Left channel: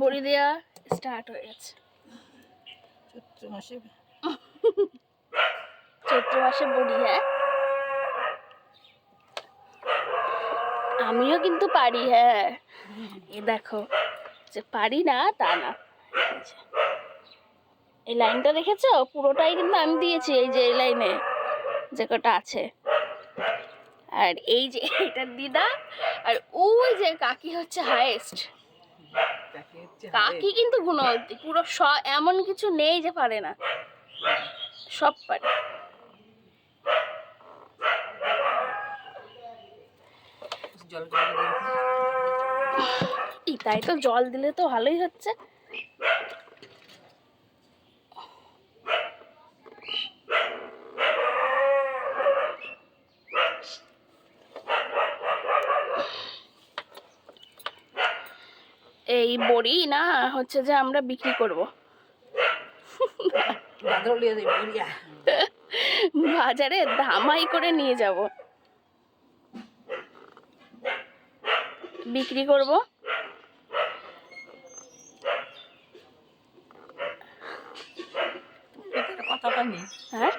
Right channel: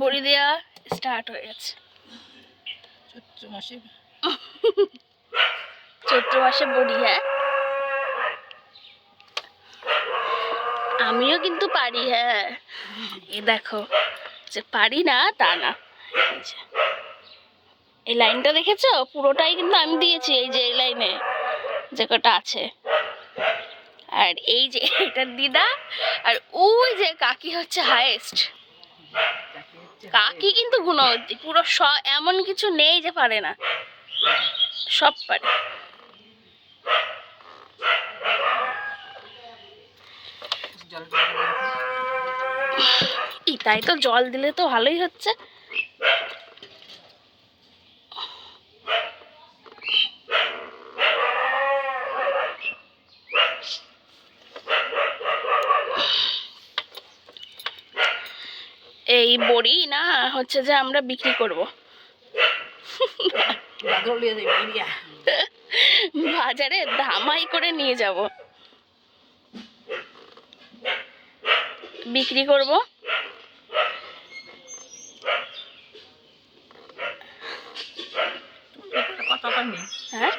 বড়ি দেওয়া স্টার্ট হয়ে গেছে। চৈত্র মাসে বড়ি। হ্যাঁ, আমিও কিন্তু পারি। হ্যাঁ, এ দেখো, যে পারি না তা না। এই লাইনটা দেখেছো? পুরোটাই কিন্তু আমি দিয়েছি, এই যে এই লাইনে যে কটা আছে। আর এই যে এটার দিদা, আর ওই যে কাকি হচ্ছে হাইয়েস্ট। কাকি কিন্তু গুণবতী, পুরো এমন কিছু নেই যে পারে না, সব পারে। তাই তো, জল দিলে তো ভালোই হচ্ছে। এই বড়ি না হচ্ছে যে আমরা বিক্রি করব, বাজারে ধামাই করে নিয়ে যাব, বিক্রি করব। হ্যাঁ,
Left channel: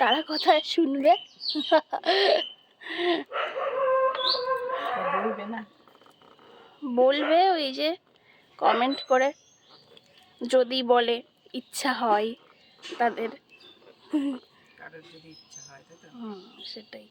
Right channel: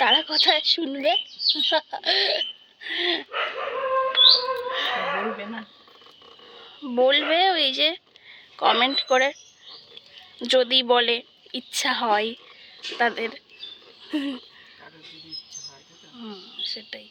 তারা কথা শুনবে, বলবে ওই যে কমেন্ট করে, যদি বলে ইচ্ছা হয় তাদের। সেটাই।